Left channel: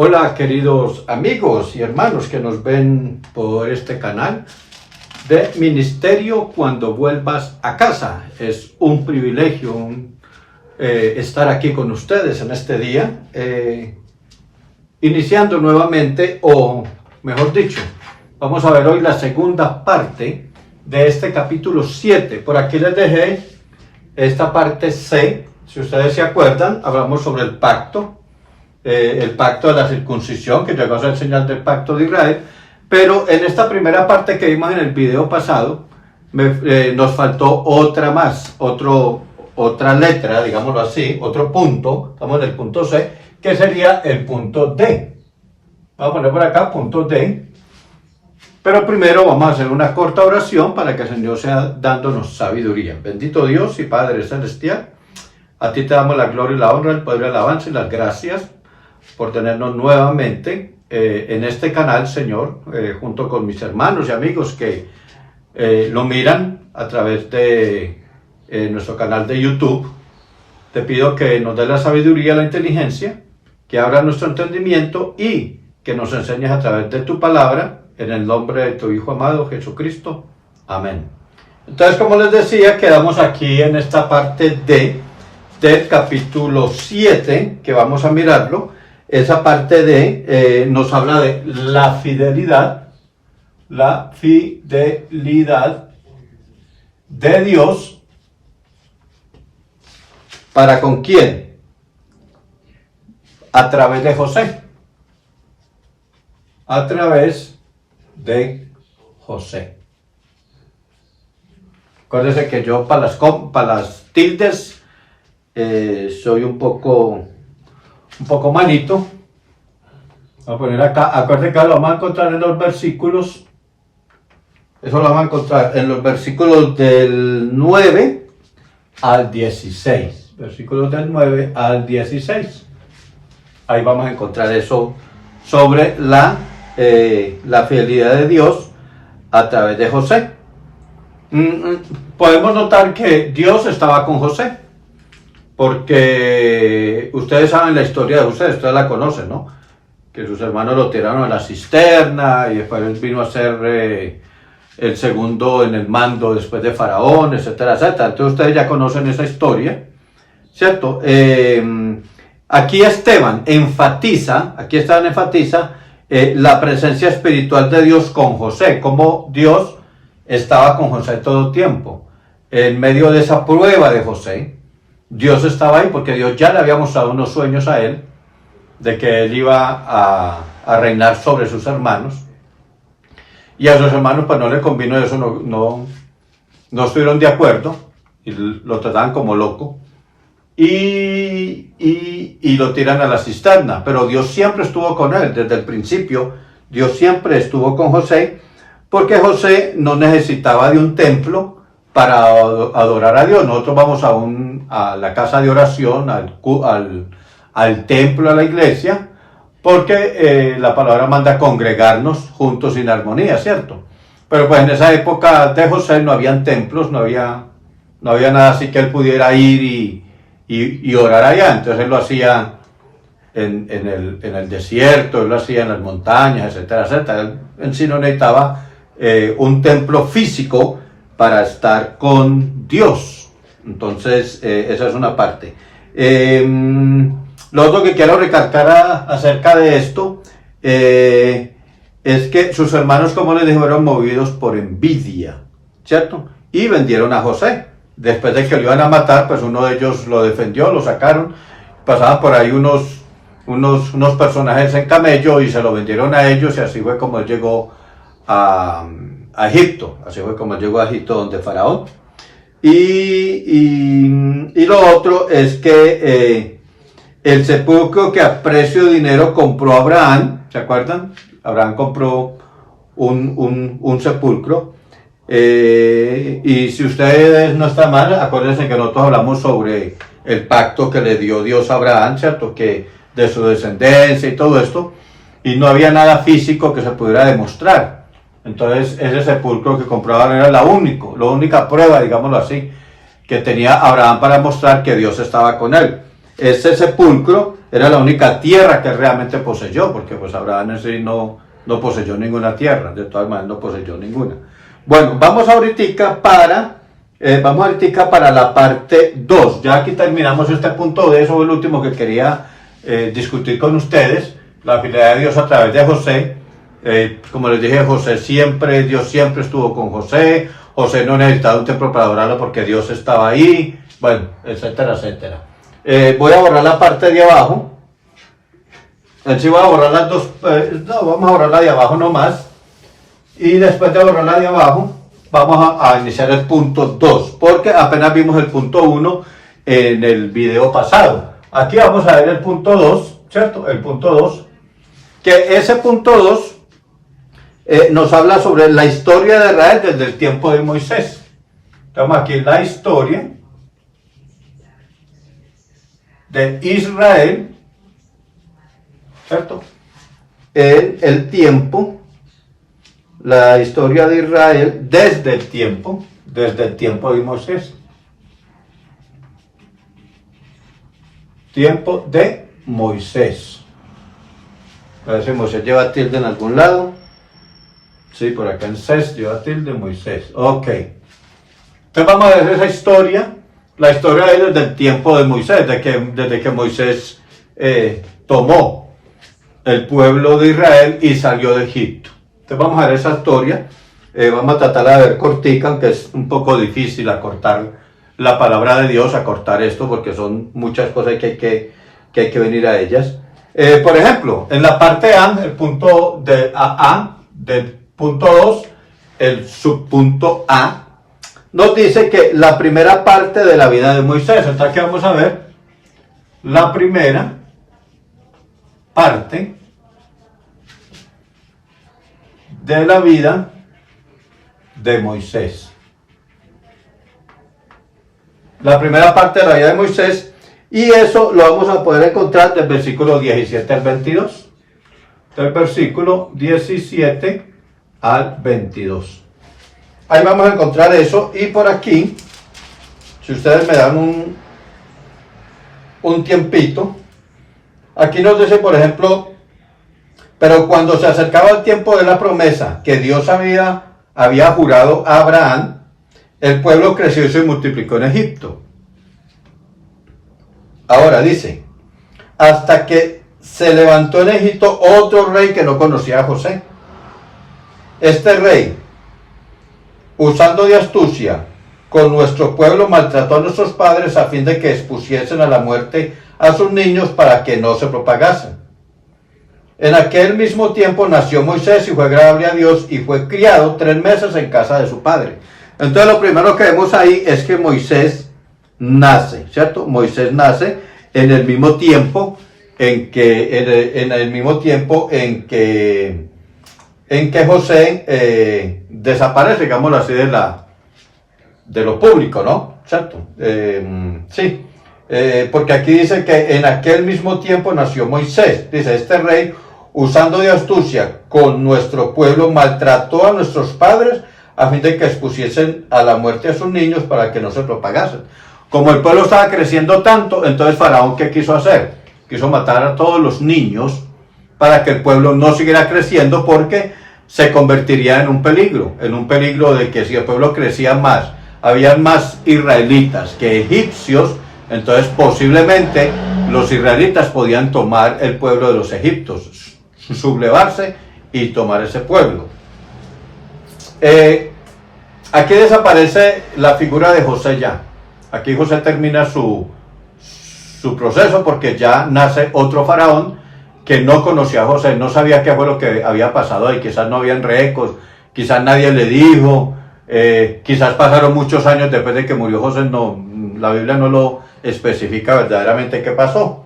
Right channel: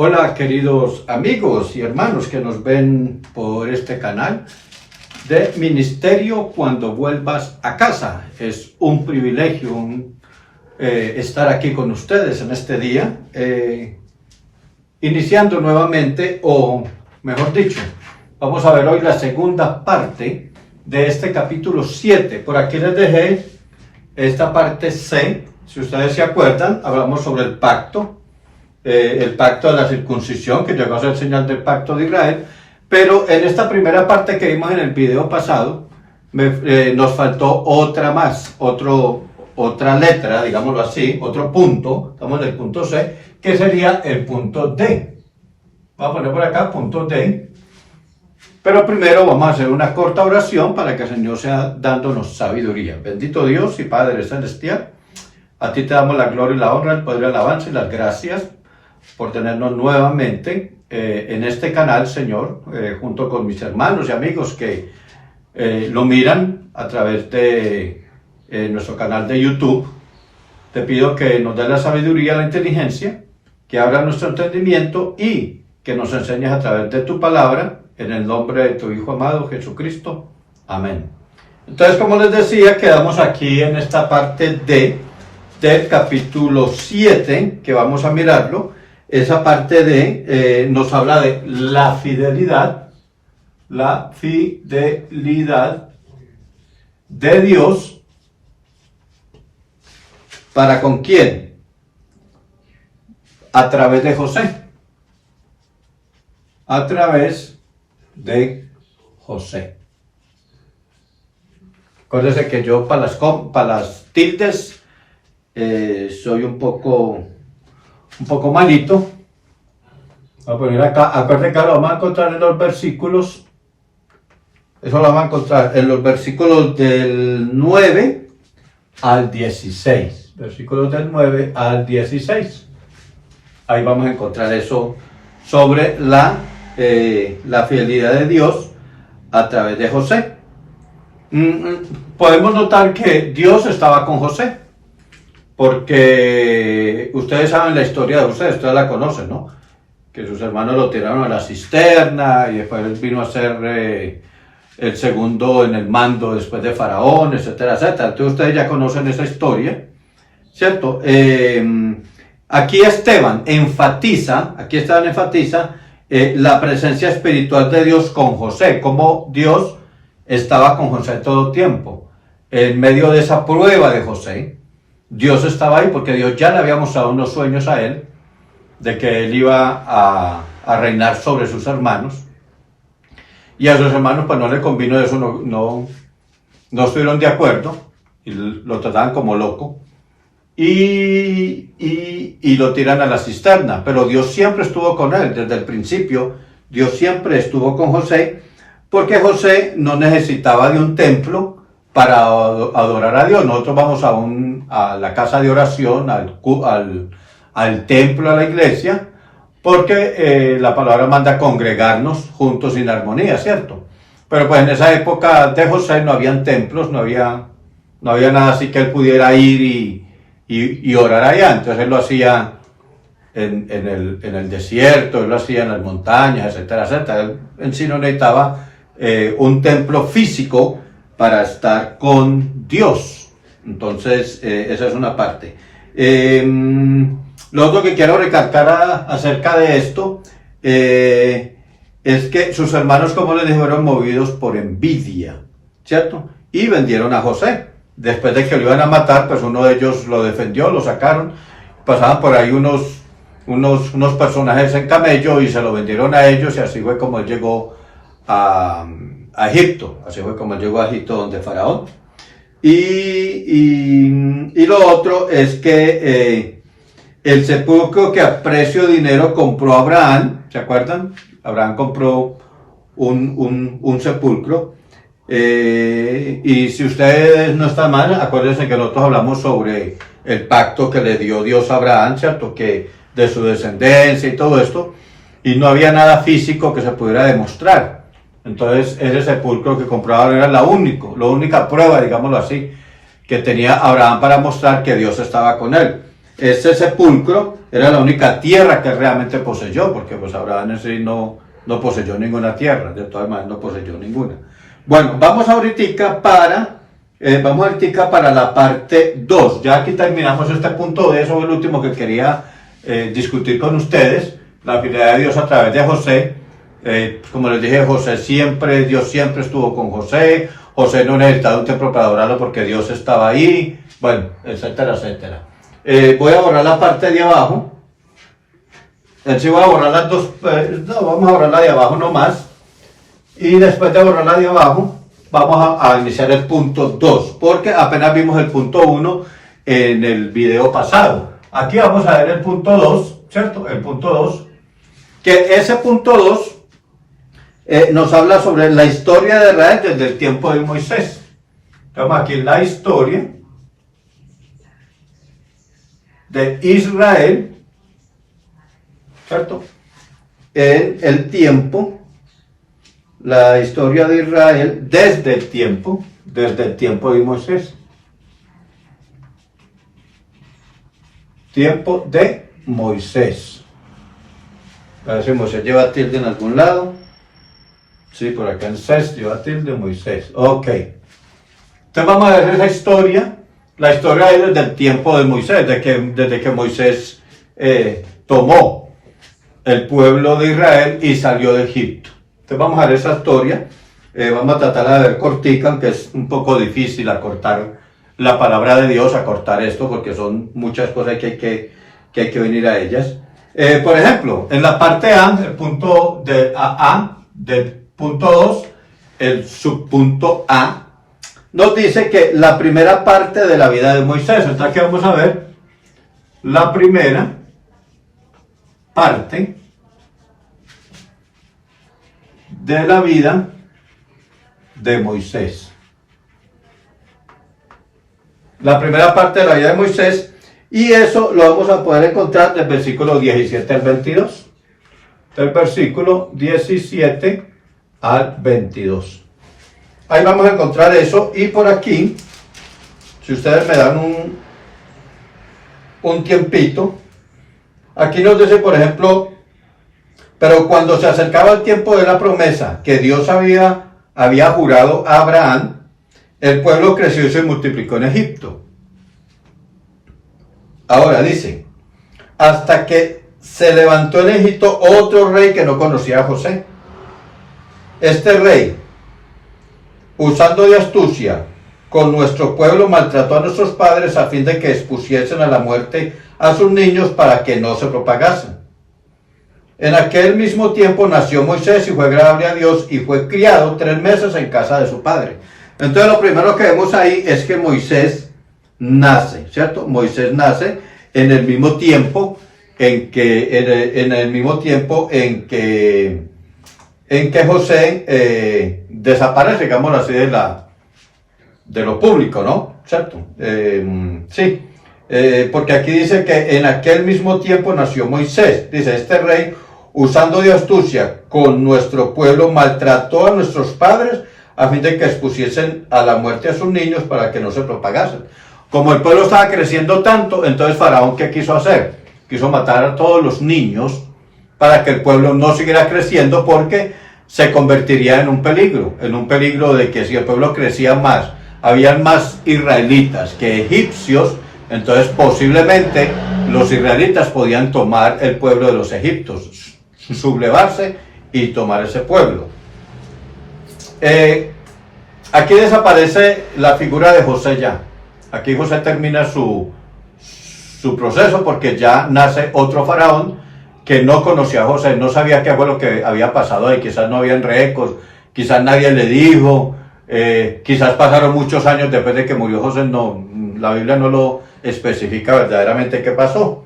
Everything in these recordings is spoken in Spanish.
Hola queridos amigos y hermanos que nos ven por este canal de Ministerio Cuando Vuelvas a Casa. Es un privilegio estar aquí con ustedes en este día, iniciando nuevamente, o mejor dicho, vamos a ver hoy la segunda parte de este capítulo 7. Por aquí les dejé esta parte C. Si ustedes se acuerdan, hablamos sobre el pacto de la circuncisión, que llegó a ser señal del pacto de Israel. Pero en esta primera parte que vimos en el video pasado, nos faltó otra más, otra letra, digámoslo así, otro punto. Estamos en el punto C, que sería el punto D. Vamos a poner por acá punto D. Pero primero vamos a hacer una corta oración para que el Señor sea dándonos sabiduría. Bendito Dios y Padre Celestial, a ti te damos la gloria y la honra, el poder y la alabanza y las gracias por tenernos nuevamente en este canal, Señor, junto con mis hermanos y amigos que lo miran a través de nuestro canal de YouTube. Te pido que nos dé la sabiduría, la inteligencia, que abra nuestro entendimiento y que nos enseñes a través de tu palabra, en el nombre de tu Hijo amado, Jesucristo. Amén. Entonces, como les decía, quedamos aquí en esta parte del capítulo 7, que vamos a mirarlo. Esa parte nos habla de la fidelidad de Dios. ¿Para con quién? A través de José. A través de José. Acuérdense que yo para las tildes soy un poco malito. Voy a poner acá, acuérdense que lo vamos a encontrar en los versículos. Eso lo vamos a encontrar en los versículos del 9 al 16. Versículos del 9 al 16. Ahí vamos a encontrar eso sobre la fidelidad de Dios a través de José. Podemos notar que Dios estaba con José, porque ustedes saben la historia de José, ustedes la conocen, ¿no? Que sus hermanos lo tiraron a la cisterna y después vino a ser el segundo en el mando después de Faraón, etcétera, etcétera. Entonces ustedes ya conocen esa historia, ¿cierto? Aquí Esteban enfatiza la presencia espiritual de Dios con José, como Dios estaba con José todo el tiempo. En medio de esa prueba de José, Dios estaba ahí porque Dios ya le había mostrado unos sueños a él, de que él iba a reinar sobre sus hermanos. Y a sus hermanos pues no le convino eso, no estuvieron de acuerdo, y lo trataban como loco. Y lo tiran a la cisterna, pero Dios siempre estuvo con él, desde el principio. Dios siempre estuvo con José, porque José no necesitaba de un templo para adorar a Dios. Nosotros vamos a la casa de oración, al templo, a la iglesia, porque la palabra manda congregarnos juntos en armonía, ¿cierto? Pero pues en esa época de José no habían templos, no había nada así que él pudiera ir y orar allá. Entonces él lo hacía en el desierto, él lo hacía en las montañas, etcétera, etcétera. Él en sí no necesitaba un templo físico para estar con Dios. Entonces esa es una parte. Lo otro que quiero recalcar acerca de esto es que sus hermanos, como les dije, fueron movidos por envidia, ¿cierto? Y vendieron a José. Después de que lo iban a matar, pues uno de ellos lo defendió, lo sacaron. Pasaban por ahí unos personajes en camello y se lo vendieron a ellos, y así fue como él llegó a Egipto. Así fue como él llegó a Egipto, donde Faraón. Y lo otro es que el sepulcro que a precio de dinero compró Abraham, ¿se acuerdan? Abraham compró un sepulcro. Y si ustedes no están mal, acuérdense que nosotros hablamos sobre el pacto que le dio Dios a Abraham, ¿cierto? Que de su descendencia y todo esto, y no había nada físico que se pudiera demostrar. Entonces ese sepulcro que compró Abraham era la única prueba, digámoslo así, que tenía Abraham para mostrar que Dios estaba con él. Ese sepulcro era la única tierra que realmente poseyó, porque pues Abraham en sí no poseyó ninguna tierra, de todas maneras no poseyó ninguna. Bueno, vamos ahorita para la parte 2. Ya aquí terminamos este punto de eso, el último que quería discutir con ustedes, la fidelidad de Dios a través de José. Como les dije, Dios siempre estuvo con José. José no necesitaba un templo para adorarlo porque Dios estaba ahí, bueno, etcétera, etcétera. Voy a borrar la parte de abajo. Sí voy a borrar las dos, no, vamos a borrar la de abajo nomás. Y después de borrar la de abajo, vamos a iniciar el punto 2, porque apenas vimos el punto 1 en el video pasado. Aquí vamos a ver el punto 2, ¿cierto? El punto 2, que ese punto 2 nos habla sobre la historia de Israel desde el tiempo de Moisés. Estamos aquí en la historia de Israel, ¿cierto? En el tiempo, la historia de Israel desde el tiempo de Moisés. Tiempo de Moisés. A ver si Moisés lleva tilde en algún lado. Sí, por acá en Ses lleva tilde Moisés. Ok. Entonces vamos a ver esa historia. La historia es desde el tiempo de Moisés, desde que Moisés tomó el pueblo de Israel y salió de Egipto. Entonces vamos a ver esa historia. Vamos a tratar de ver cortica, aunque es un poco difícil acortar la palabra de Dios, acortar esto, porque son muchas cosas que hay que venir a ellas. Por ejemplo, en la parte A, el punto de A del punto 2, el subpunto A, nos dice que la primera parte de la vida de Moisés. Entonces aquí vamos a ver la primera parte de la vida de Moisés. La primera parte de la vida de Moisés, y eso lo vamos a poder encontrar del versículo 17 al 22. Del versículo 17 al 22. Ahí vamos a encontrar eso, y por aquí, si ustedes me dan un tiempito, aquí nos dice, por ejemplo, pero cuando se acercaba el tiempo de la promesa que Dios había jurado a Abraham, el pueblo creció y se multiplicó en Egipto. Ahora dice, hasta que se levantó en Egipto otro rey que no conocía a José. Este rey, usando de astucia con nuestro pueblo, maltrató a nuestros padres a fin de que expusiesen a la muerte a sus niños para que no se propagasen. En aquel mismo tiempo nació Moisés y fue agradable a Dios y fue criado 3 meses en casa de su padre. Entonces lo primero que vemos ahí es que Moisés nace, ¿cierto? Moisés nace en el mismo tiempo en que José desaparece, digámoslo así, de lo público, ¿no? ¿Cierto? Sí, porque aquí dice que en aquel mismo tiempo nació Moisés. Dice, este rey, usando de astucia con nuestro pueblo, maltrató a nuestros padres a fin de que expusiesen a la muerte a sus niños para que no se propagasen. Como el pueblo estaba creciendo tanto, entonces Faraón, ¿qué quiso hacer? Quiso matar a todos los niños para que el pueblo no siguiera creciendo, porque se convertiría en un peligro de que si el pueblo crecía más, habían más israelitas que egipcios, entonces posiblemente los israelitas podían tomar el pueblo de los egipcios, sublevarse y tomar ese pueblo. Aquí desaparece la figura de José ya. Aquí José termina su proceso, porque ya nace otro faraón que no conocía a José, no sabía qué fue lo que había pasado ahí, quizás no habían récords, quizás nadie le dijo, quizás pasaron muchos años después de que murió José, no, la Biblia no lo especifica verdaderamente qué pasó.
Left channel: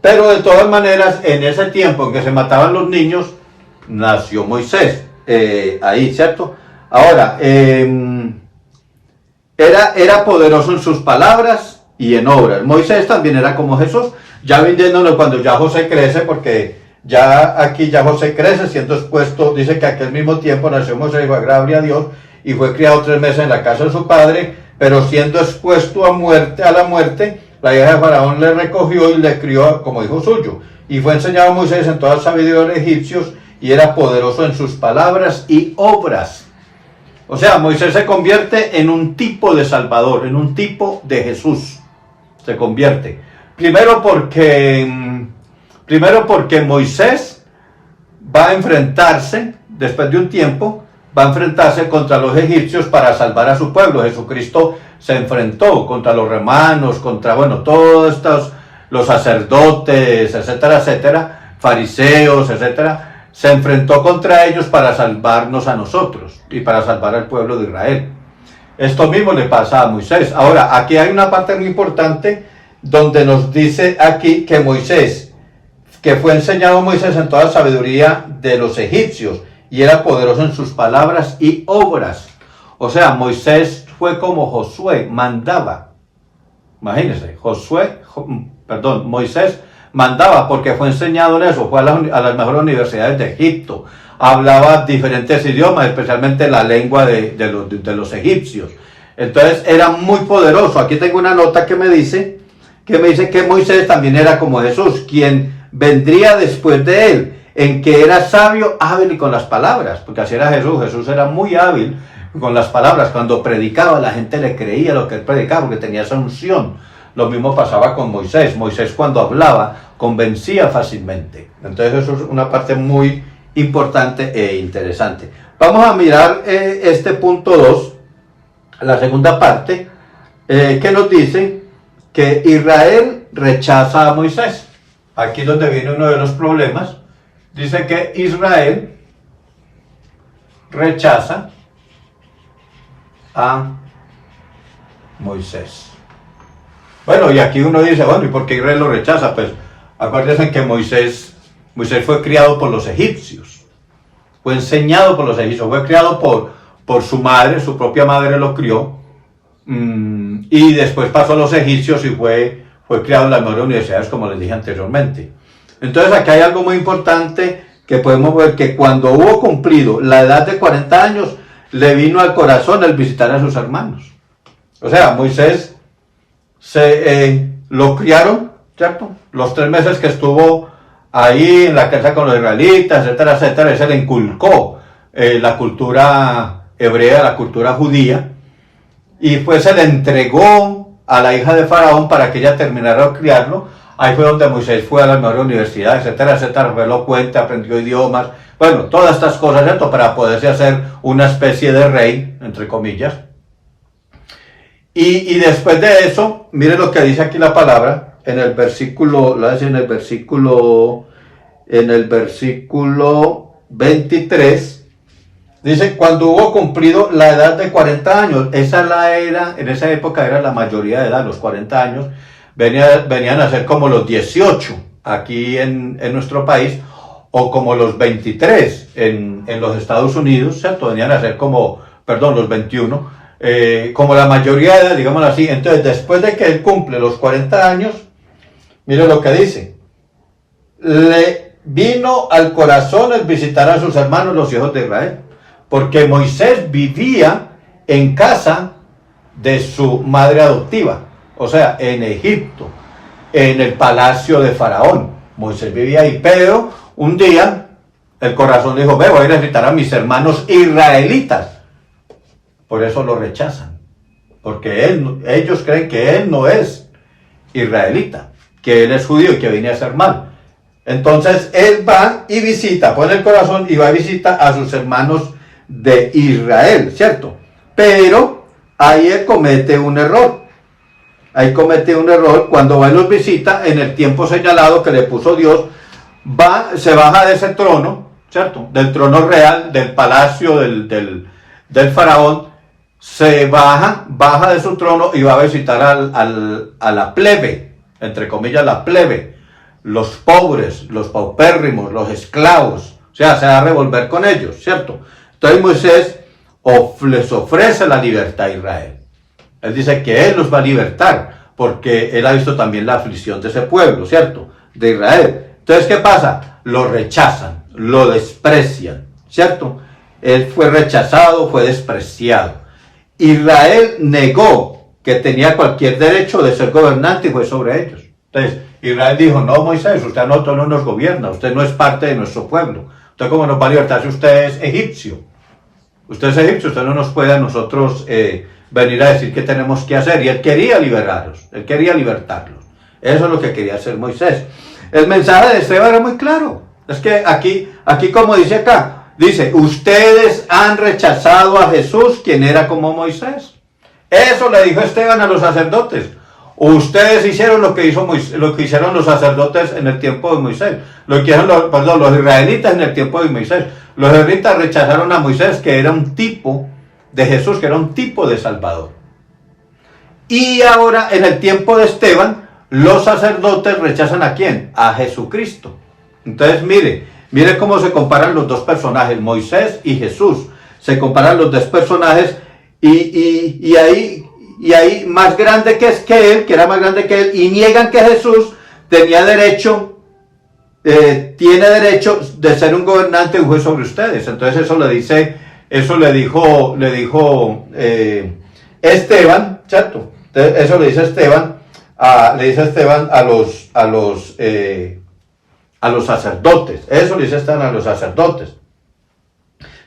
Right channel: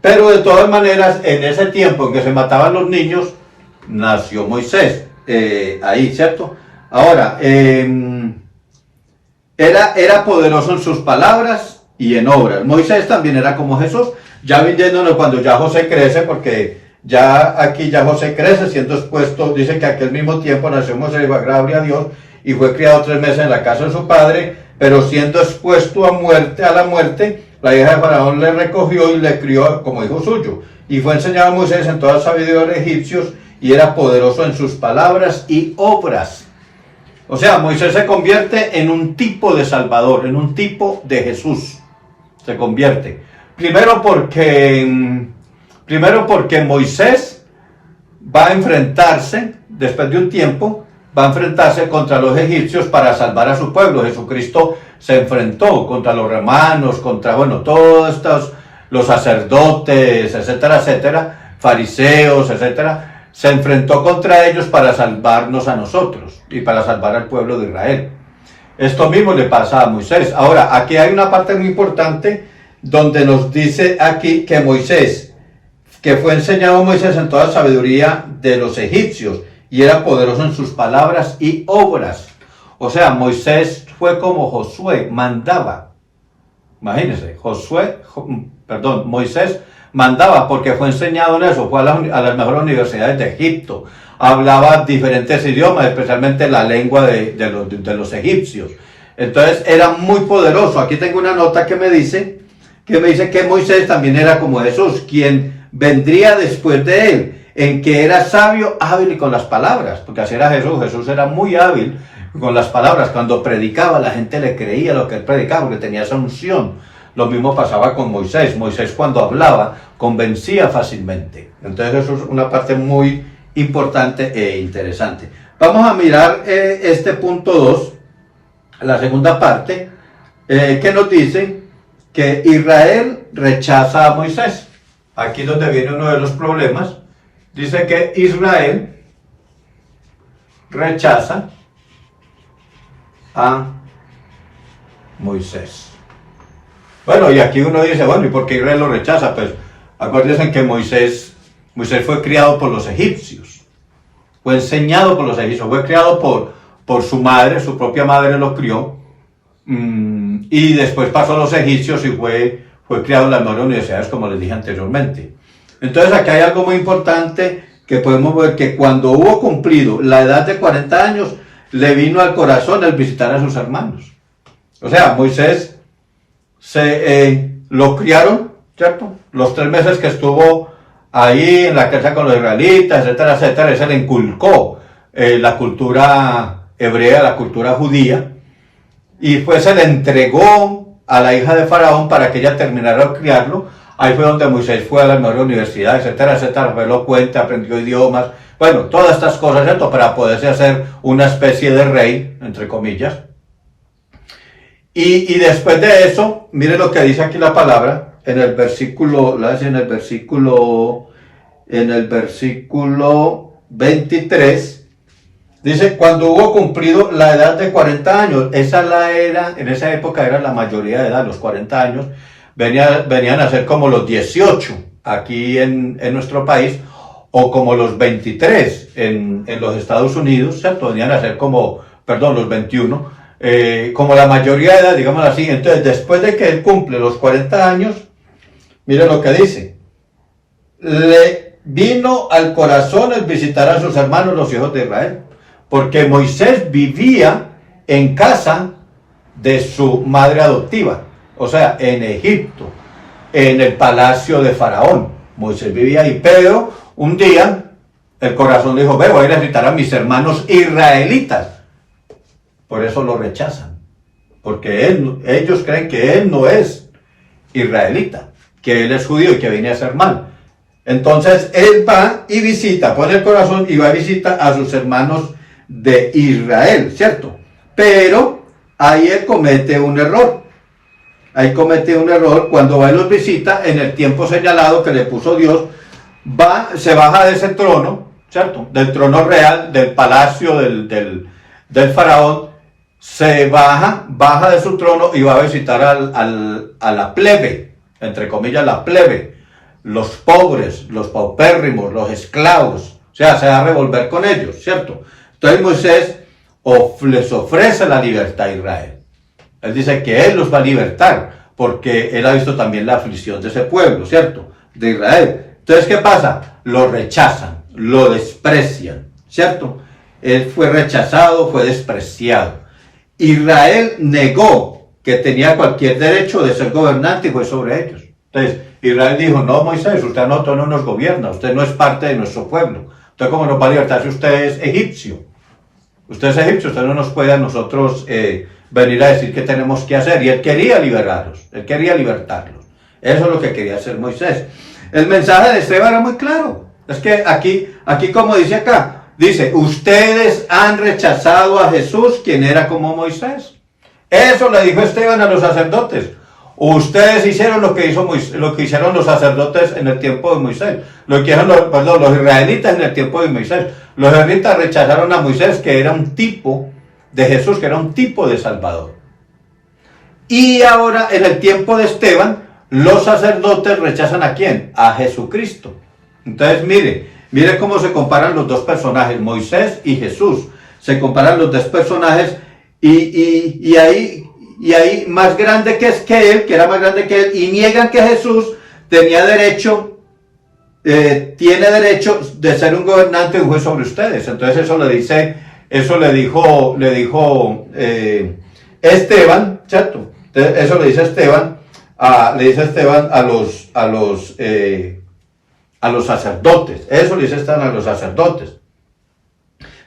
Pero de todas maneras, en ese tiempo en que se mataban los niños, nació Moisés, ahí, ¿cierto? Ahora, era poderoso en sus palabras y en obras. Moisés también era como Jesús, ya viéndolo cuando ya José crece, porque ya José crece siendo expuesto, dice que aquel mismo tiempo nació Moisés y fue agradable a Dios y fue criado 3 meses en la casa de su padre, pero siendo expuesto a la muerte la hija de Faraón le recogió y le crió como hijo suyo. Y fue enseñado a Moisés en toda sabiduría de los egipcios, y era poderoso en sus palabras y obras. O sea, Moisés se convierte en un tipo de Salvador, en un tipo de Jesús. Se convierte. Primero porque Moisés va a enfrentarse, después de un tiempo, va a enfrentarse contra los egipcios para salvar a su pueblo. Jesucristo se enfrentó contra los romanos, contra, todos estos, los sacerdotes, etcétera, etcétera, fariseos, etcétera. Se enfrentó contra ellos para salvarnos a nosotros y para salvar al pueblo de Israel. Esto mismo le pasa a Moisés. Ahora, aquí hay una parte muy importante donde nos dice aquí que Moisés, que fue enseñado a Moisés en toda sabiduría de los egipcios, y era poderoso en sus palabras y obras. O sea, Moisés fue como Josué, mandaba. Imagínense, Moisés mandaba porque fue enseñado en eso, fue a las mejores universidades de Egipto, hablaba diferentes idiomas, especialmente la lengua de los egipcios. Entonces era muy poderoso. Aquí tengo una nota que me dice que Moisés también era como Jesús, quien vendría después de él, en que era sabio, hábil y con las palabras, porque así era Jesús. Jesús era muy hábil con las palabras. Cuando predicaba, la gente le creía lo que él predicaba, porque tenía esa unción. Lo mismo pasaba con Moisés. Moisés, cuando hablaba, convencía fácilmente. Entonces eso es una parte muy importante e interesante. Vamos a mirar este punto 2, la segunda parte, que nos dice que Israel rechaza a Moisés. Aquí donde viene uno de los problemas. Dice que Israel rechaza a Moisés. Bueno, y aquí uno dice, ¿y por qué Israel lo rechaza? Pues acuérdense que Moisés fue criado por los egipcios, fue enseñado por los egipcios, fue criado por su madre, su propia madre lo crió, y después pasó a los egipcios y fue criado en las mejores universidades, como les dije anteriormente. Entonces aquí hay algo muy importante que podemos ver, que cuando hubo cumplido la edad de 40 años, le vino al corazón el visitar a sus hermanos. O sea, Moisés lo criaron, ¿cierto? Los 3 meses que estuvo ahí en la casa con los israelitas, etcétera, etcétera, se le inculcó la cultura hebrea, la cultura judía, y pues se le entregó a la hija de Faraón para que ella terminara de criarlo. Ahí fue donde Moisés fue a las mejores universidades, etcétera, etcétera, fue elocuente, aprendió idiomas, todas estas cosas, ¿cierto? Para poderse hacer una especie de rey, entre comillas. Y después de eso, mire lo que dice aquí la palabra, en el versículo 23, dice, cuando hubo cumplido la edad de 40 años, en esa época era la mayoría de edad, los 40 años, venían a ser como los 18 aquí en nuestro país, o como los 23 en los Estados Unidos, ¿cierto? Venían a ser los 21, como la mayoría de edad, digamos así. Entonces, después de que él cumple los 40 años, mire lo que dice, le vino al corazón el visitar a sus hermanos, los hijos de Israel, porque Moisés vivía en casa de su madre adoptiva, o sea, en Egipto, en el palacio de Faraón. Moisés vivía ahí, pero un día el corazón le dijo, voy a ir a visitar a mis hermanos israelitas. Por eso lo rechazan, porque ellos creen que él no es israelita, que él es judío y que viene a hacer mal. Entonces él va y visita, pone el corazón y va y visita a sus hermanos de Israel, ¿cierto? Pero ahí él comete un error. Cuando va y los visita en el tiempo señalado que le puso Dios, se baja de ese trono, ¿cierto? Del trono real, del palacio del faraón, se baja de su trono y va a visitar a la plebe, entre comillas la plebe, los pobres, los paupérrimos, los esclavos, o sea, se va a revolver con ellos, ¿cierto? Entonces Moisés les ofrece la libertad a Israel. Él dice que él los va a libertar, porque él ha visto también la aflicción de ese pueblo, ¿cierto? De Israel. Entonces, ¿qué pasa? Lo rechazan, lo desprecian, ¿cierto? Él fue rechazado, fue despreciado. Israel negó que tenía cualquier derecho de ser gobernante y fue sobre ellos. Entonces, Israel dijo, no, Moisés, usted a nosotros no nos gobierna, usted no es parte de nuestro pueblo. Usted cómo nos va a libertar si usted es egipcio. Usted es egipcio, usted no nos puede a nosotros venir a decir qué tenemos que hacer. Y él quería liberarlos, él quería libertarlos. Eso es lo que quería hacer Moisés. El mensaje de Esteban era muy claro. Es que aquí como dice acá, dice, ustedes han rechazado a Jesús, quien era como Moisés. Eso le dijo Esteban a los sacerdotes. Ustedes hicieron lo que hicieron los sacerdotes en el tiempo de Moisés. Lo que hicieron los israelitas en el tiempo de Moisés. Los israelitas rechazaron a Moisés, que era un tipo de Jesús, que era un tipo de Salvador. Y ahora, en el tiempo de Esteban, los sacerdotes rechazan ¿a quién? A Jesucristo. Entonces, mire cómo se comparan los dos personajes, Moisés y Jesús. Se comparan los dos personajes y ahí más grande que era más grande que él, y niegan que Jesús tenía derecho, tiene derecho de ser un gobernante y un juez sobre ustedes. Entonces eso le dijo Esteban, ¿cierto? Entonces, eso le dice Esteban a los sacerdotes. Eso le dice Esteban a los sacerdotes.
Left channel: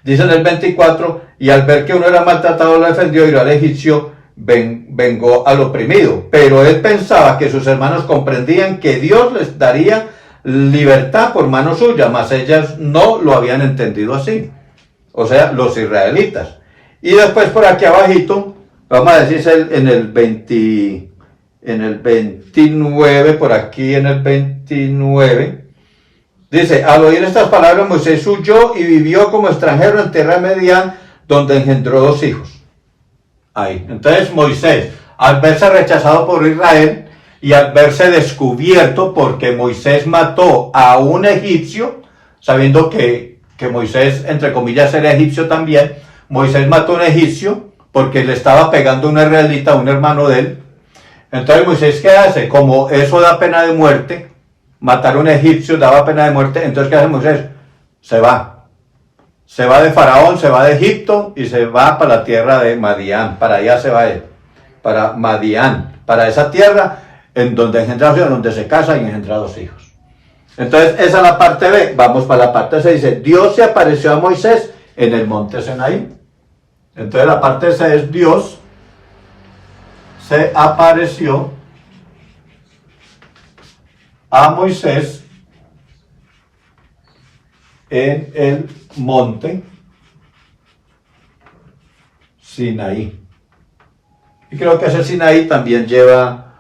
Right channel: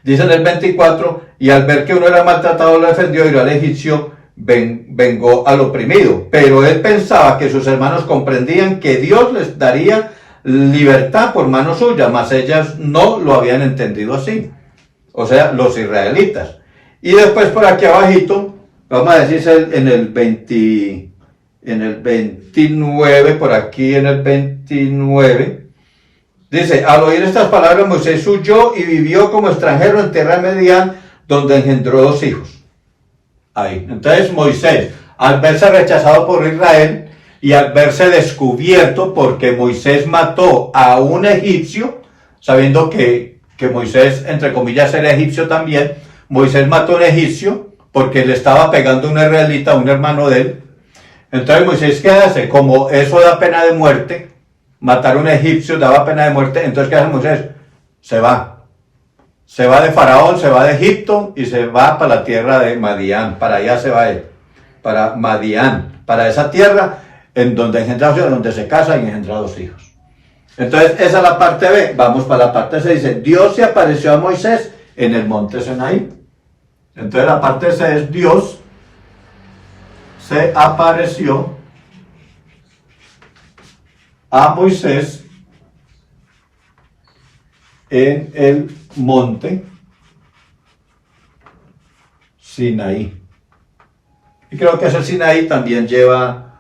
Dice en el 24, y al ver que uno era maltratado lo defendió y lo al egipcio vengó al oprimido. Pero él pensaba que sus hermanos comprendían que Dios les daría libertad por mano suya, mas ellas no lo habían entendido así. O sea, los israelitas. Y después por aquí abajito, vamos a decir en el 29, por aquí en el 29, dice, al oír estas palabras Moisés huyó y vivió como extranjero en tierra de Madián, donde engendró 2 hijos. Ahí. Entonces Moisés, al verse rechazado por Israel y al verse descubierto porque Moisés mató a un egipcio, sabiendo que Moisés, entre comillas, era egipcio también, Moisés mató a un egipcio porque le estaba pegando a un israelita, a un hermano de él. Entonces Moisés, ¿qué hace? Como eso da pena de muerte, matar a un egipcio daba pena de muerte, entonces ¿qué hace Moisés? Se va de Faraón, se va de Egipto y se va para la tierra de Madián. Para allá se va él, para Madián, para esa tierra en donde engendra 2 hijos, donde se casa y engendra 2 hijos. Entonces esa es la parte B. Vamos para la parte C. Dice, Dios se apareció a Moisés en el monte Sinaí. Entonces la parte C es Dios se apareció a Moisés en el monte Sinaí. Y creo que ese Sinaí también lleva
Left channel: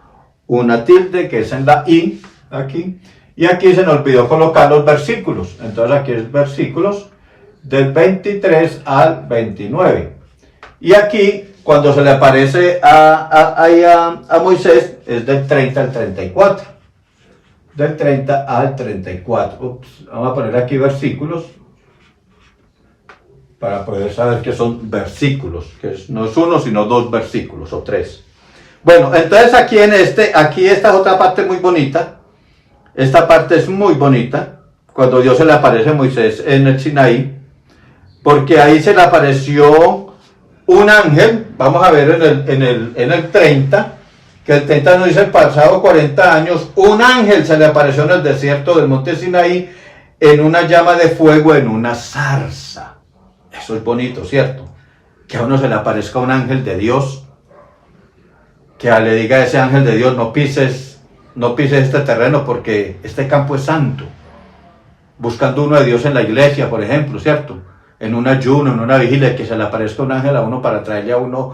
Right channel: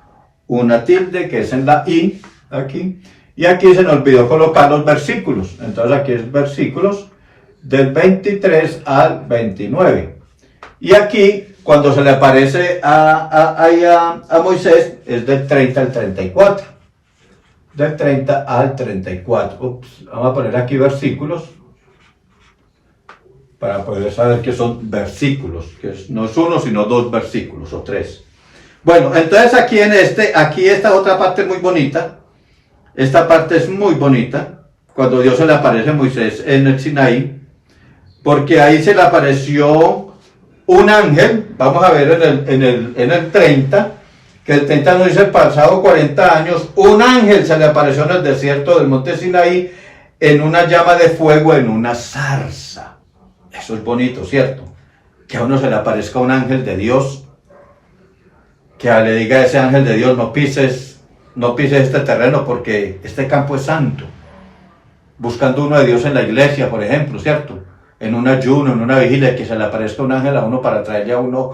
una tilde, que es en la I, aquí. Y aquí se nos olvidó colocar los versículos. Entonces aquí es versículos del 23 al 29. Y aquí, cuando se le aparece a Moisés, es del 30 al 34. Del 30 al 34. Ups, vamos a poner aquí versículos para poder saber que son versículos, que no es uno, sino 2 versículos o 3. Bueno, entonces aquí aquí esta es otra parte muy bonita. Esta parte es muy bonita, cuando Dios se le aparece a Moisés en el Sinaí, porque ahí se le apareció un ángel. Vamos a ver en el 30, que el 30 nos dice, pasado 40 años, un ángel se le apareció en el desierto del monte Sinaí, en una llama de fuego, en una zarza. Eso es bonito, ¿cierto? Que a uno se le aparezca un ángel de Dios, que le diga a ese ángel de Dios, no pises este terreno porque este campo es santo. Buscando uno de Dios en la iglesia, por ejemplo, ¿cierto? En un ayuno, en una vigilia, que se le aparezca un ángel a uno para traerle a uno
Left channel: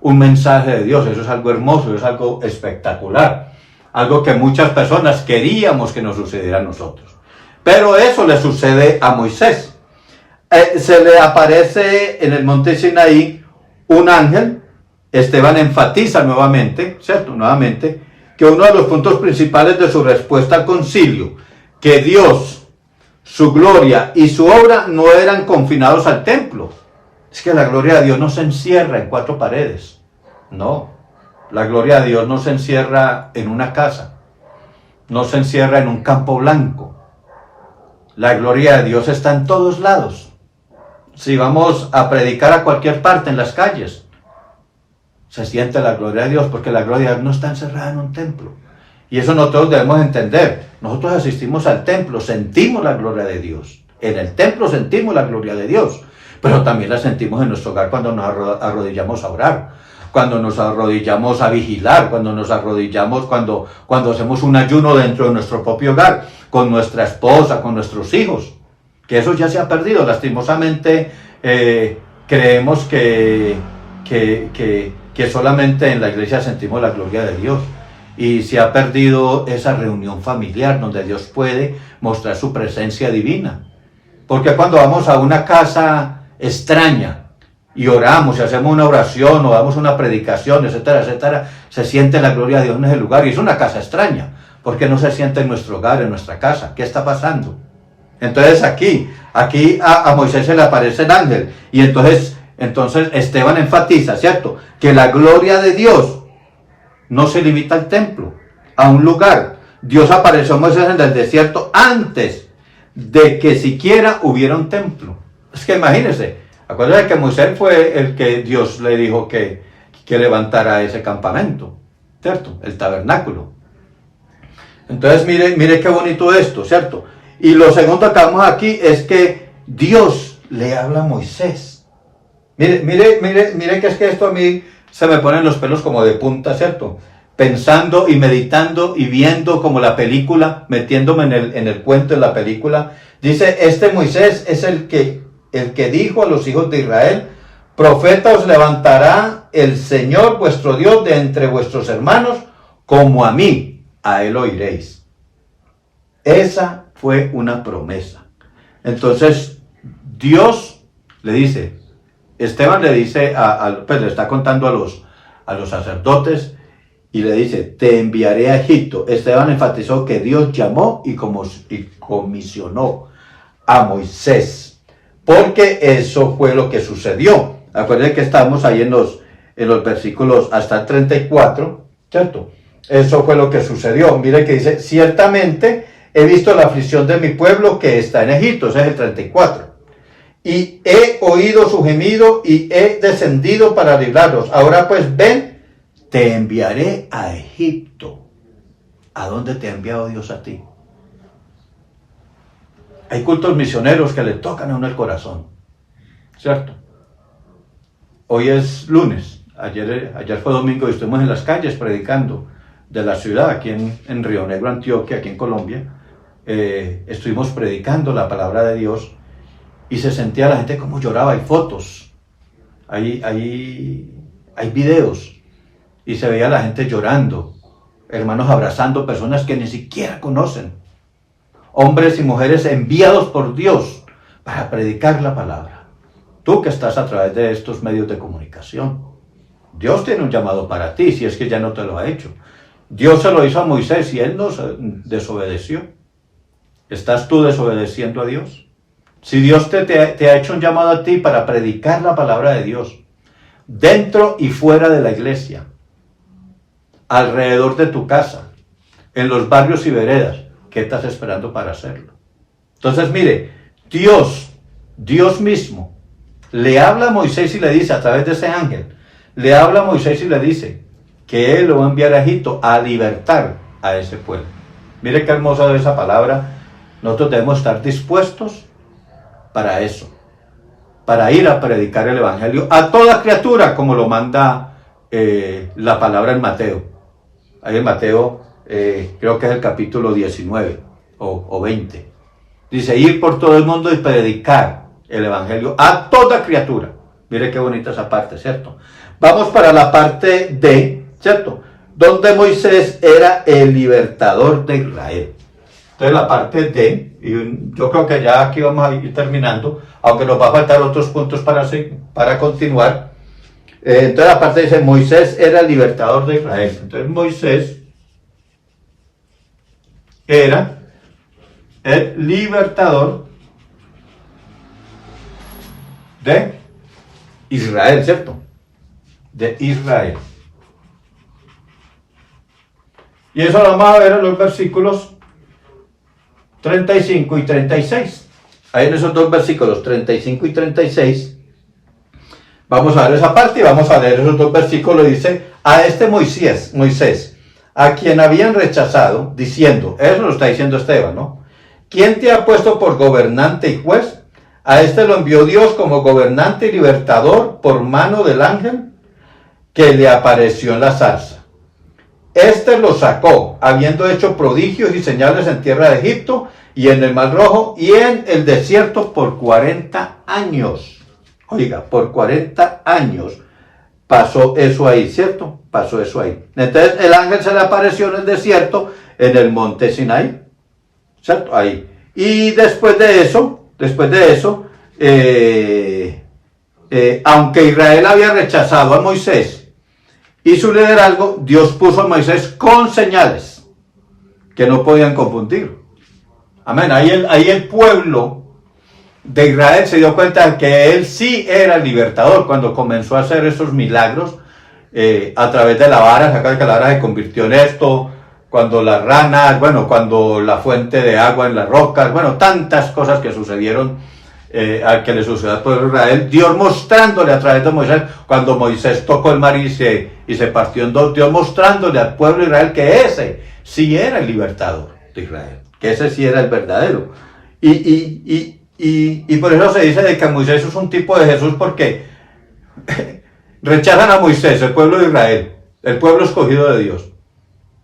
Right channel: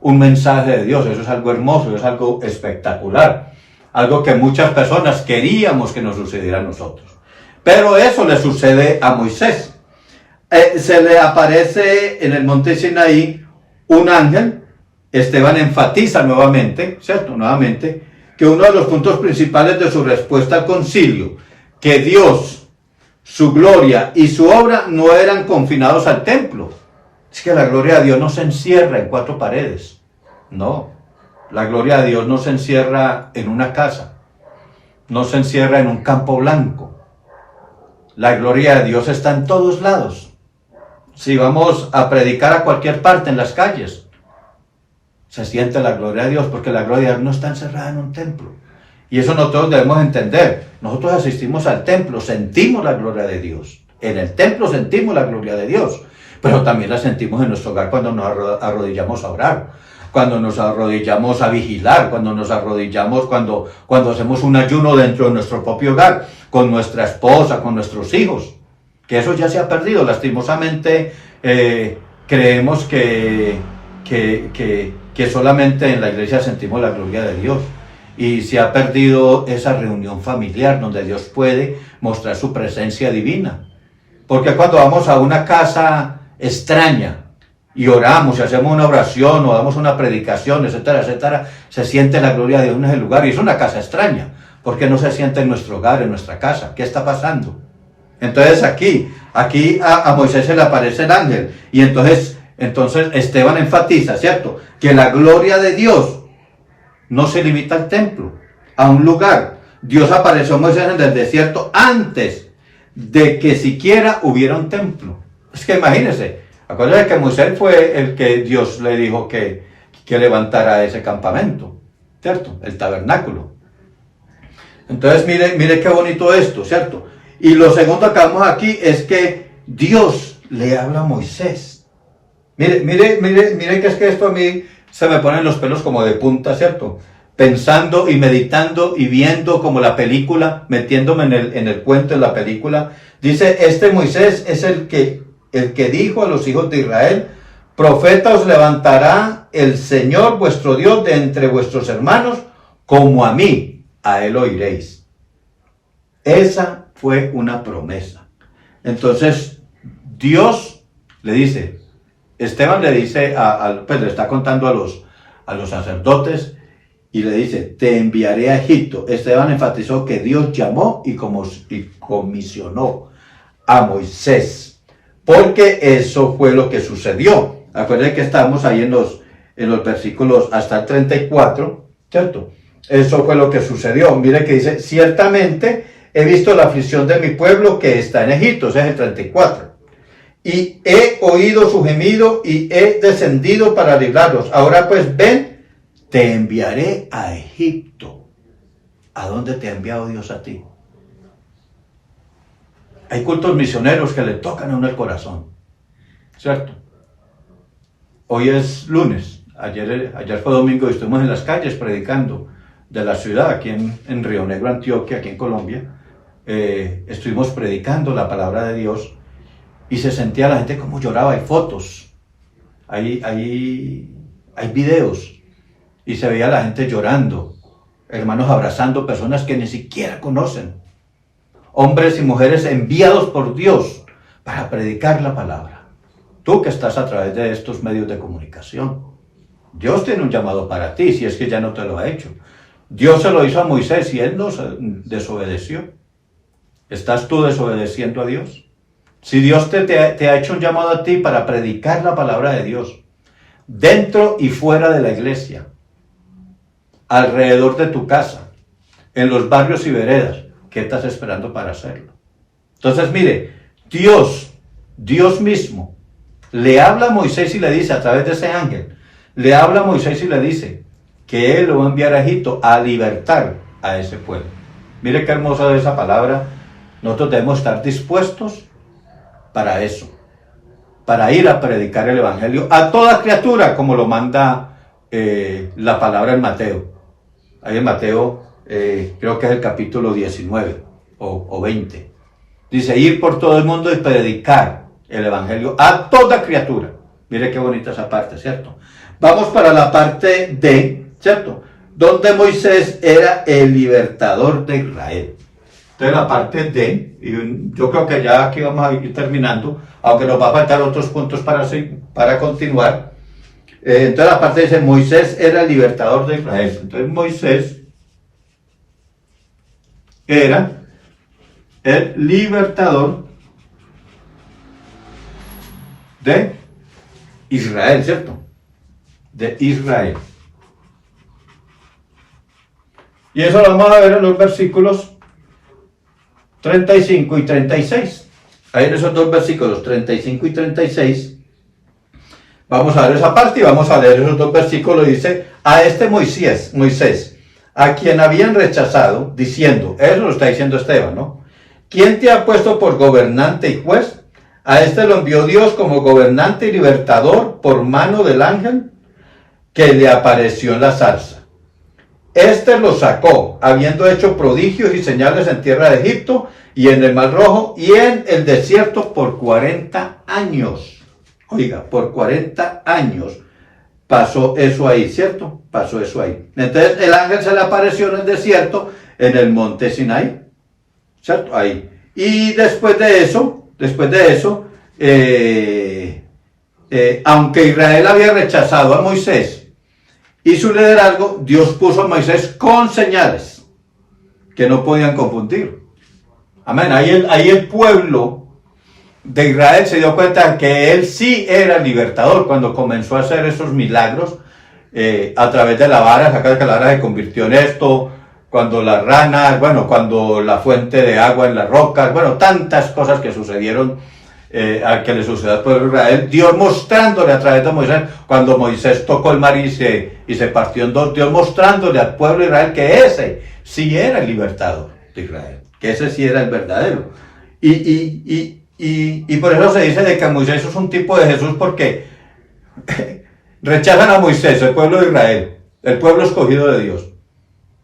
un mensaje de Dios. Eso es algo hermoso, eso es algo espectacular. Algo que muchas personas queríamos que nos sucediera a nosotros. Pero eso le sucede a Moisés. Se le aparece en el monte Sinaí un ángel. Esteban enfatiza nuevamente, ¿cierto? Nuevamente, que uno de los puntos principales de su respuesta al concilio, que Dios, su gloria y su obra no eran confinados al templo. Es que la gloria de Dios no se encierra en 4 paredes. No, la gloria de Dios no se encierra en una casa, no se encierra en un campo blanco. La gloria de Dios está en todos lados. Si vamos a predicar a cualquier parte, en las calles, se siente la gloria de Dios, porque la gloria de Dios no está encerrada en un templo. Y eso nosotros debemos entender. Nosotros asistimos al templo, sentimos la gloria de Dios. En el templo sentimos la gloria de Dios, pero también la sentimos en nuestro hogar cuando nos arrodillamos a orar, cuando nos arrodillamos a vigilar, cuando nos arrodillamos, cuando hacemos un ayuno dentro de nuestro propio hogar, con nuestra esposa, con nuestros hijos, que eso ya se ha perdido. Lastimosamente creemos que solamente en la iglesia sentimos la gloria de Dios, y se ha perdido esa reunión familiar donde Dios puede mostrar su presencia divina. Porque cuando vamos a una casa extraña y oramos y hacemos una oración o damos una predicación, etcétera, etcétera, se siente la gloria de Dios en ese lugar, y es una casa extraña. ¿Por qué no se siente en nuestro hogar, en nuestra casa? ¿Qué está pasando? Entonces aquí a Moisés se le aparece el ángel, y entonces Esteban enfatiza, ¿cierto?, que la gloria de Dios no se limita al templo, a un lugar. Dios apareció a Moisés en el desierto antes de que siquiera hubiera un templo. Es que imagínense, acuérdense que Moisés fue el que Dios le dijo que levantara ese campamento, ¿cierto?, el tabernáculo. Entonces mire qué bonito esto, ¿cierto? Y lo segundo que vemos aquí es que Dios le habla a Moisés. Mire que es que esto a mí se me ponen los pelos como de punta, ¿cierto? Pensando y meditando y viendo como la película, metiéndome en el cuento de la película. Dice, este Moisés es el que dijo a los hijos de Israel, profeta os levantará el Señor vuestro Dios de entre vuestros hermanos, como a mí, a él oiréis. Esa fue una promesa. Entonces, Dios le dice, Esteban le dice, pues le está contando a los sacerdotes, y le dice, te enviaré a Egipto. Esteban enfatizó que Dios llamó y comisionó a Moisés, porque eso fue lo que sucedió. Acuérdense que estamos ahí en los versículos hasta el 34, ¿cierto? Eso fue lo que sucedió. Mire que dice, ciertamente he visto la aflicción de mi pueblo que está en Egipto, ese es el 34. Y he oído su gemido y he descendido para librarlos. Ahora pues ven, te enviaré a Egipto. ¿A dónde te ha enviado Dios a ti? Hay cultos misioneros que le tocan a uno el corazón, ¿cierto? Hoy es lunes, ayer fue domingo y estuvimos en las calles predicando de la ciudad, aquí en Río Negro, Antioquia, aquí en Colombia. Estuvimos predicando la palabra de Dios. Y se sentía la gente como lloraba. Hay fotos, hay videos, y se veía la gente llorando, hermanos abrazando personas que ni siquiera conocen, hombres y mujeres enviados por Dios para predicar la palabra. Tú que estás a través de estos medios de comunicación, Dios tiene un llamado para ti, si es que ya no te lo ha hecho. Dios se lo hizo a Moisés y él no desobedeció. ¿Estás tú desobedeciendo a Dios? Si Dios te ha hecho un llamado a ti para predicar la palabra de Dios, dentro y fuera de la iglesia, alrededor de tu casa, en los barrios y veredas, ¿qué estás esperando para hacerlo? Entonces mire, Dios mismo, le habla a Moisés y le dice, a través de ese ángel, le habla a Moisés y le dice, que él lo va a enviar a Egipto a libertar a ese pueblo. Mire qué hermosa es esa palabra. Nosotros debemos estar dispuestos para eso, para ir a predicar el evangelio a toda criatura, como lo manda la palabra en Mateo. Ahí en Mateo, creo que es el capítulo 19 o 20. Dice, ir por todo el mundo y predicar el evangelio a toda criatura. Mire qué bonita esa parte, ¿cierto? Vamos para la parte D, ¿cierto? Donde Moisés era el libertador de Israel. Entonces la parte D, y yo creo que ya aquí vamos a ir terminando, aunque nos va a faltar otros puntos para continuar. Entonces la parte dice, Moisés era el libertador de Israel. Entonces Moisés era el libertador de Israel, ¿cierto? De Israel. Y eso lo vamos a ver en los versículos 35 y 36. Ahí en esos dos versículos, 35 y 36, Vamos a ver esa parte y vamos a leer esos dos versículos. Dice, a este Moisés, a quien habían rechazado, diciendo, eso lo está diciendo Esteban, ¿no? ¿Quién te ha puesto por gobernante y juez? A este lo envió Dios como gobernante y libertador por mano del ángel que le apareció en la zarza. Este lo sacó, habiendo hecho prodigios y señales en tierra de Egipto y en el Mar Rojo y en el desierto por 40 años. Oiga, por 40 años pasó eso ahí, ¿cierto? Pasó eso ahí. Entonces el ángel se le apareció en el desierto, en el monte Sinaí, ¿cierto? Ahí. Y después de eso, aunque Israel había rechazado a Moisés y su liderazgo, Dios puso a Moisés con señales que no podían confundir. Amén. Ahí el pueblo de Israel se dio cuenta de que él sí era el libertador cuando comenzó a hacer esos milagros a través de la vara. Se acuerda que la vara se convirtió en esto, cuando las ranas, bueno, cuando la fuente de agua en las rocas, bueno, tantas cosas que sucedieron, que le sucedió al pueblo de Israel, Dios mostrándole a través de Moisés, cuando Moisés tocó el mar y se partió en dos, Dios mostrándole al pueblo de Israel que ese sí era el libertador de Israel, que ese sí era el verdadero. Y por eso se dice de que Moisés es un tipo de Jesús, porque rechazan a Moisés, el pueblo de Israel, el pueblo escogido de Dios.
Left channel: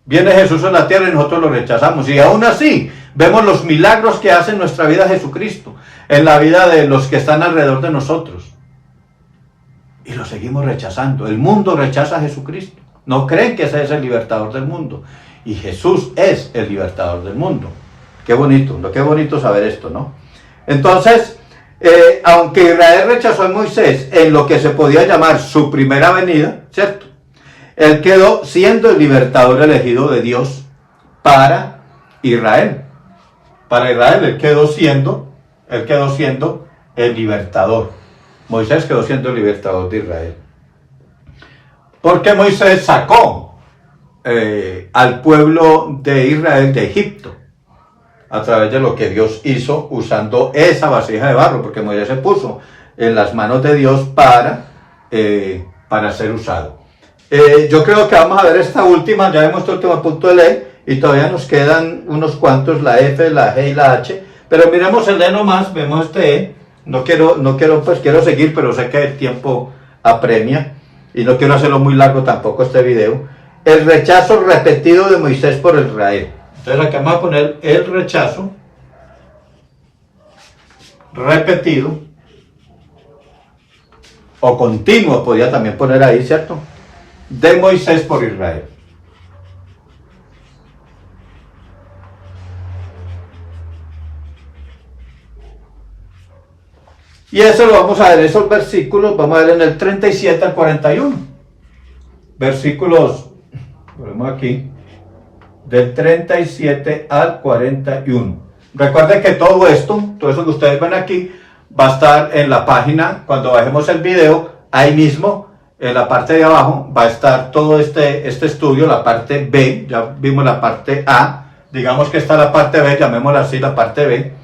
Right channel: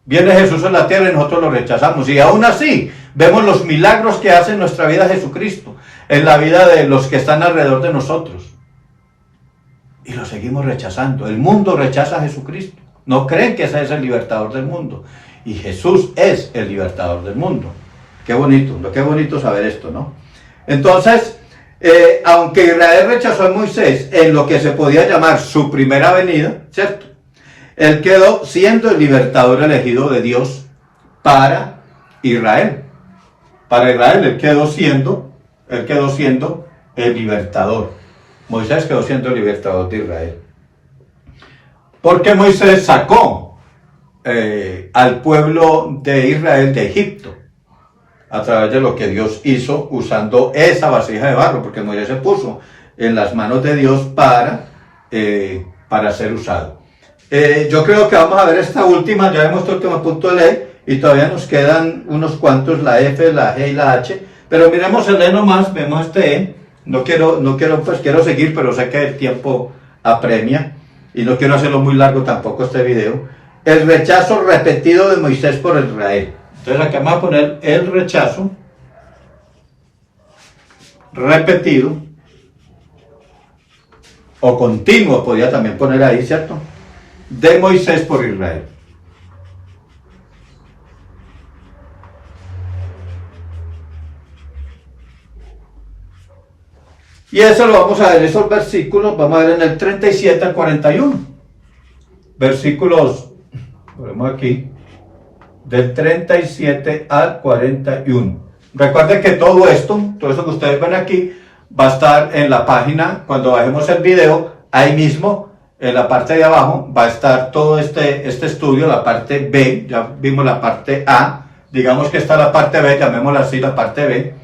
Viene Jesús a la tierra y nosotros lo rechazamos. Y aún así, vemos los milagros que hace en nuestra vida Jesucristo, en la vida de los que están alrededor de nosotros. Y lo seguimos rechazando. El mundo rechaza a Jesucristo. No creen que ese es el libertador del mundo. Y Jesús es el libertador del mundo. Qué bonito saber esto, ¿no? Entonces, aunque Israel rechazó a Moisés en lo que se podía llamar su primera venida, ¿cierto? Él quedó siendo el libertador elegido de Dios para Israel. Para Israel él quedó siendo el libertador. Moisés quedó siendo el libertador de Israel. Porque Moisés sacó al pueblo de Israel de Egipto a través de lo que Dios hizo usando esa vasija de barro, porque Moisés se puso en las manos de Dios para ser usado. Yo creo que vamos a ver esta última, ya vemos el último punto de ley, y todavía nos quedan unos cuantos, la F, la G y la H, pero miremos el E nomás, vemos este E, no quiero, pues quiero seguir, pero sé que el tiempo apremia, y no quiero hacerlo muy largo tampoco este video. El rechazo repetido de Moisés por Israel. Entonces aquí vamos a poner el rechazo repetido, o continuo, podría también poner ahí, ¿cierto?, de Moisés por Israel. Y eso lo vamos a ver, esos versículos, vamos a ver en el 37 al 41. Versículos, ponemos aquí, del 37 al 41. Recuerden que todo eso que ustedes ven aquí, va a estar en la página, cuando bajemos el video, ahí mismo, en la parte de abajo, va a estar todo este estudio, la parte B, ya vimos la parte A, digamos que está la parte B, llamémosla así, la parte B,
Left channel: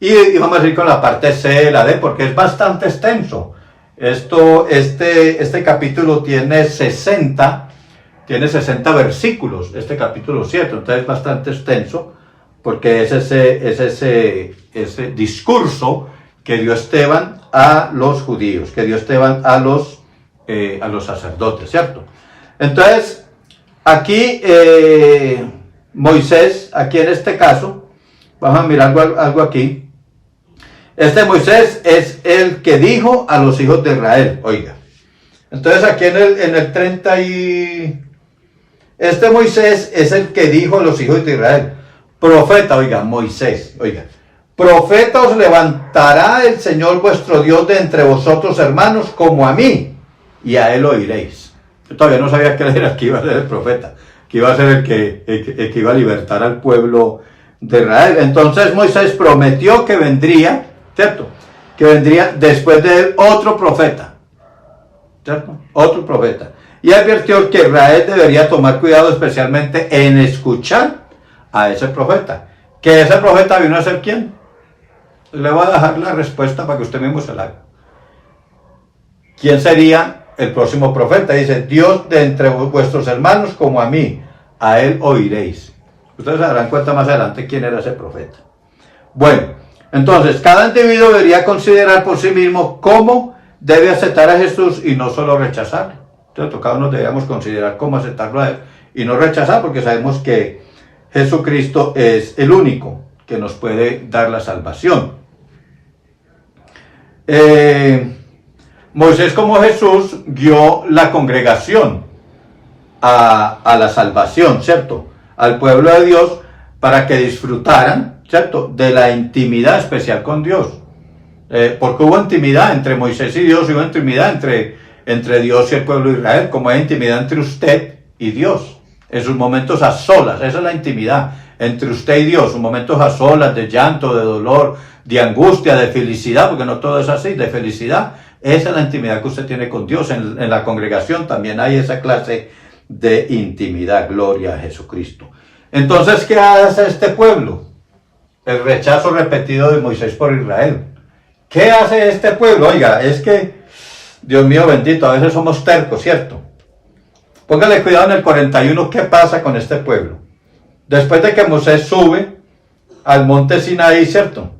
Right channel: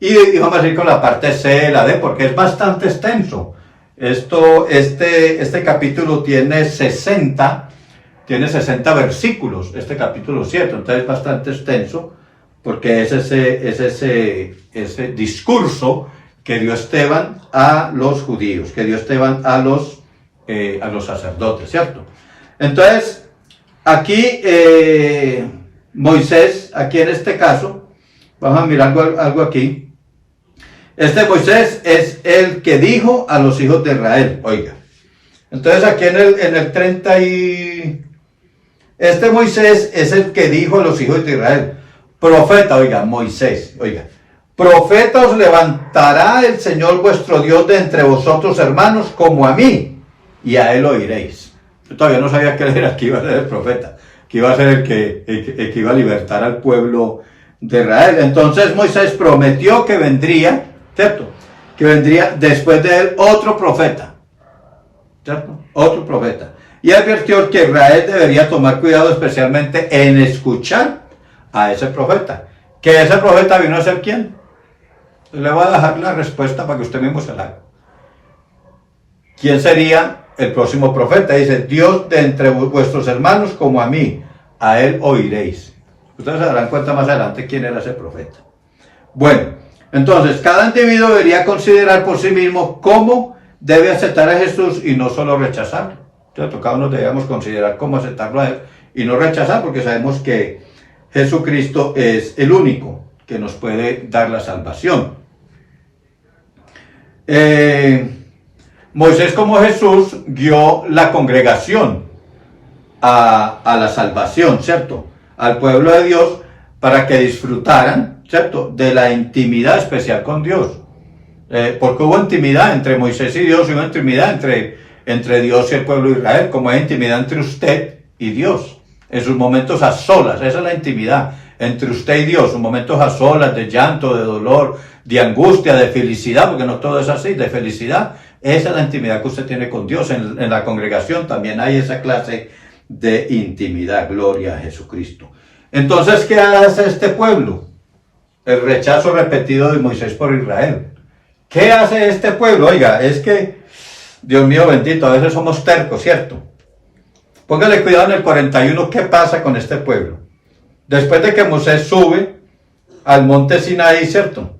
y vamos a ir con la parte C, la D, porque es bastante extenso. Este capítulo tiene 60 versículos, este capítulo 7, entonces es bastante extenso, porque es ese discurso que dio Esteban a los judíos, que dio Esteban a los sacerdotes, ¿cierto? Entonces, aquí Moisés, aquí en este caso, vamos a mirar algo aquí. Este Moisés es el que dijo a los hijos de Israel, oiga. Entonces aquí en el 30 y... Este Moisés es el que dijo a los hijos de Israel, profeta, oiga, Moisés, oiga. Profeta os levantará el Señor vuestro Dios de entre vosotros, hermanos, como a mí, y a él oiréis. Yo todavía no sabía que él era el que iba a ser el profeta, que iba a ser el que iba a libertar al pueblo de Israel. Entonces Moisés prometió que vendría, ¿cierto? Que vendría después de él otro profeta, ¿cierto? Otro profeta. Y advirtió que Israel debería tomar cuidado especialmente en escuchar a ese profeta. ¿Que ese profeta vino a ser quién? Le voy a dejar la respuesta para que usted mismo se la haga. ¿quién sería el próximo profeta? Dice, Dios de entre vuestros hermanos como a mí, a él oiréis. Ustedes se darán cuenta más adelante quién era ese profeta. Bueno, entonces, cada individuo debería considerar por sí mismo cómo debe aceptar a Jesús y no solo rechazarlo. Entonces, cada uno debemos considerar cómo aceptarlo a él y no rechazar, porque sabemos que Jesucristo es el único que nos puede dar la salvación. Moisés, como Jesús, guió la congregación a la salvación, ¿cierto? Al pueblo de Dios para que disfrutaran, ¿cierto?, de la intimidad especial con Dios. Porque hubo intimidad entre Moisés y Dios, hubo intimidad entre Dios y el pueblo de Israel, como hay intimidad entre usted y Dios. En sus momentos a solas, esa es la intimidad entre usted y Dios, sus momentos a solas, de llanto, de dolor, de angustia, de felicidad, porque no todo es así, de felicidad. Esa es la intimidad que usted tiene con Dios. En la congregación también hay esa clase de intimidad. Gloria a Jesucristo. Entonces, ¿qué hace este pueblo? El rechazo repetido de Moisés por Israel. ¿Qué hace este pueblo? Oiga, es que, Dios mío bendito, a veces somos tercos, ¿cierto? Póngale cuidado en el 41, ¿qué pasa con este pueblo? Después de que Moisés sube al monte Sinaí, ¿cierto?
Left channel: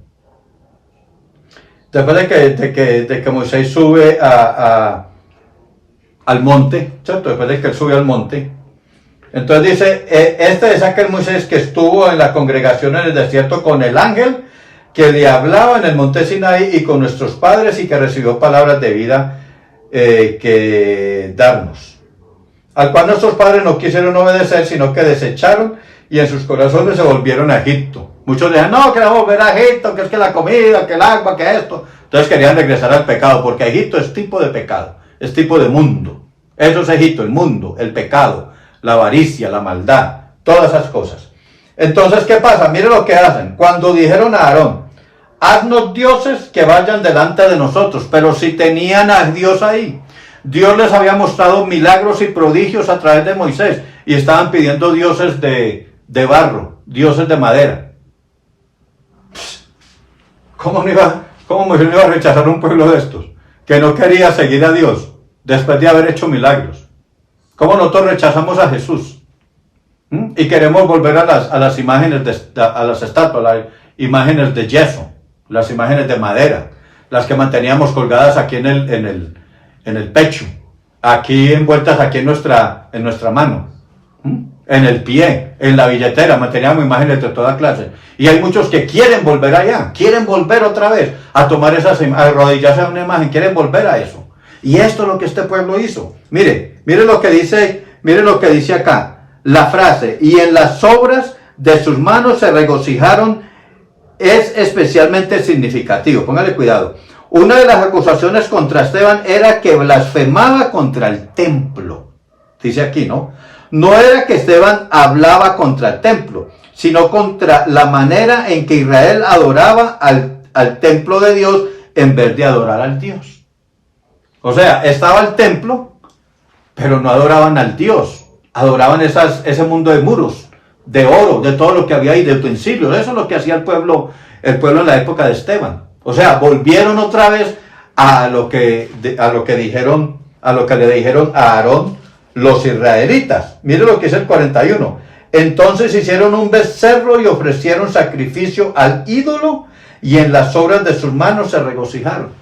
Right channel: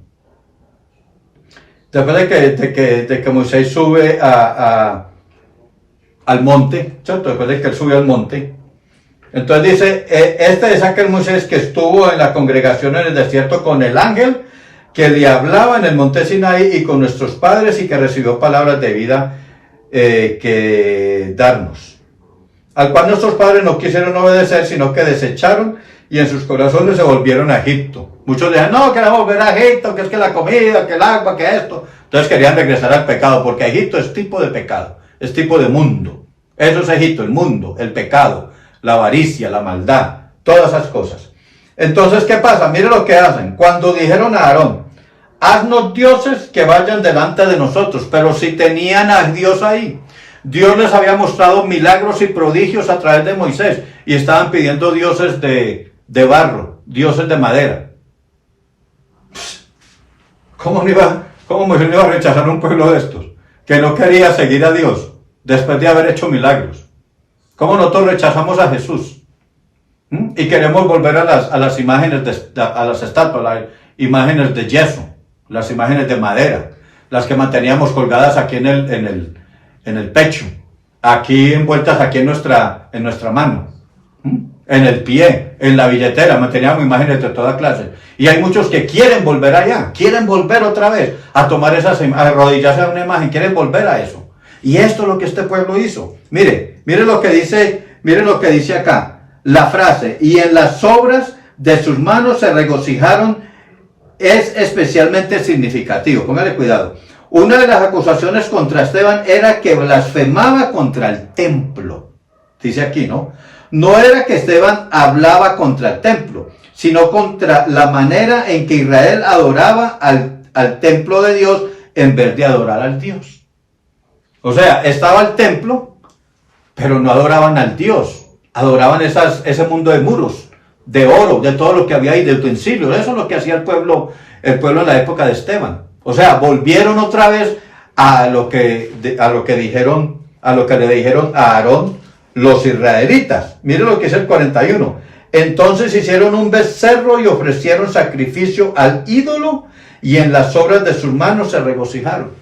Después de que Moisés sube al monte, ¿cierto? Después de que él sube al monte, entonces dice, este es aquel Moisés que estuvo en la congregación en el desierto con el ángel que le hablaba en el monte Sinaí y con nuestros padres y que recibió palabras de vida que darnos. Al cual nuestros padres no quisieron obedecer, sino que desecharon y en sus corazones se volvieron a Egipto. Muchos decían, no, queremos volver a Egipto, que es que la comida, que el agua, que esto. Entonces querían regresar al pecado, porque Egipto es tipo de pecado, es tipo de mundo. Eso es Egipto, el mundo, el pecado, la avaricia, la maldad, todas esas cosas. Entonces, ¿qué pasa? Mire lo que hacen. Cuando dijeron a Aarón, haznos dioses que vayan delante de nosotros, pero si tenían a Dios ahí, Dios les había mostrado milagros y prodigios a través de Moisés y estaban pidiendo dioses de barro, dioses de madera. ¿Cómo Moisés iba a rechazar a un pueblo de estos que no quería seguir a Dios después de haber hecho milagros? ¿Cómo nosotros rechazamos a Jesús? Y queremos volver a las imágenes, a las estatuas, las imágenes de yeso, las imágenes de madera, las que manteníamos colgadas aquí en el pecho, aquí envueltas aquí en nuestra mano, en el pie, en la billetera, manteníamos imágenes de toda clase. Y hay muchos que quieren volver allá, quieren volver otra vez a tomar esas, a arrodillarse a una imagen, quieren volver a eso. Y esto es lo que este pueblo hizo. Mire lo que dice acá, la frase, y en las obras de sus manos se regocijaron, es especialmente significativo. Póngale cuidado. Una de las acusaciones contra Esteban era que blasfemaba contra el templo. Dice aquí, ¿no? No era que Esteban hablaba contra el templo, sino contra la manera en que Israel adoraba al templo de Dios en vez de adorar al Dios. O sea, estaba el templo, pero no adoraban al Dios. Adoraban ese mundo de muros, de oro, de todo lo que había ahí, de utensilios. Eso es lo que hacía el pueblo en la época de Esteban. O sea, volvieron otra vez a lo que le dijeron a Aarón los israelitas. Mire lo que es el 41. Entonces hicieron un becerro y ofrecieron sacrificio al ídolo y en las obras de sus manos se regocijaron.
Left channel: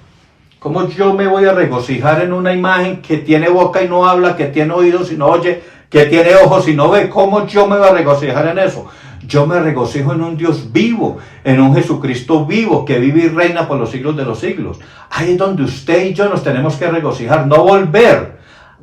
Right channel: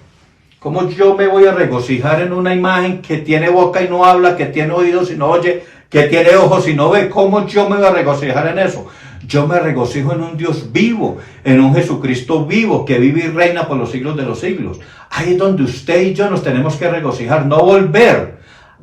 ¿Cómo yo me voy a regocijar en una imagen que tiene boca y no habla, que tiene oídos y no oye, que tiene ojos y no ve? ¿Cómo yo me voy a regocijar en eso? Yo me regocijo en un Dios vivo, en un Jesucristo vivo, que vive y reina por los siglos de los siglos. Ahí es donde usted y yo nos tenemos que regocijar, no volver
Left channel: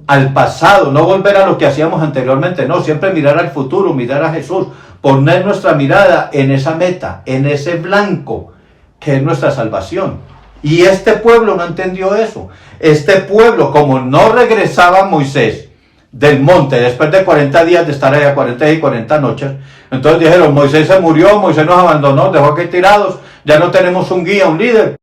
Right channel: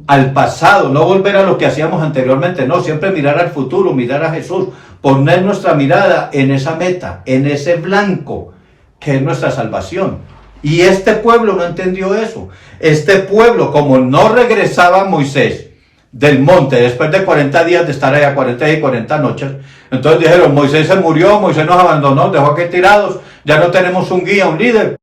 al pasado, no volver a lo que hacíamos anteriormente, no, siempre mirar al futuro, mirar a Jesús, poner nuestra mirada en esa meta, en ese blanco, que es nuestra salvación. Y este pueblo no entendió eso. Este pueblo, como no regresaba Moisés del monte después de 40 días de estar allá, 40 días y 40 noches, entonces dijeron, Moisés se murió, Moisés nos abandonó, dejó aquí tirados, ya no tenemos un guía, un líder.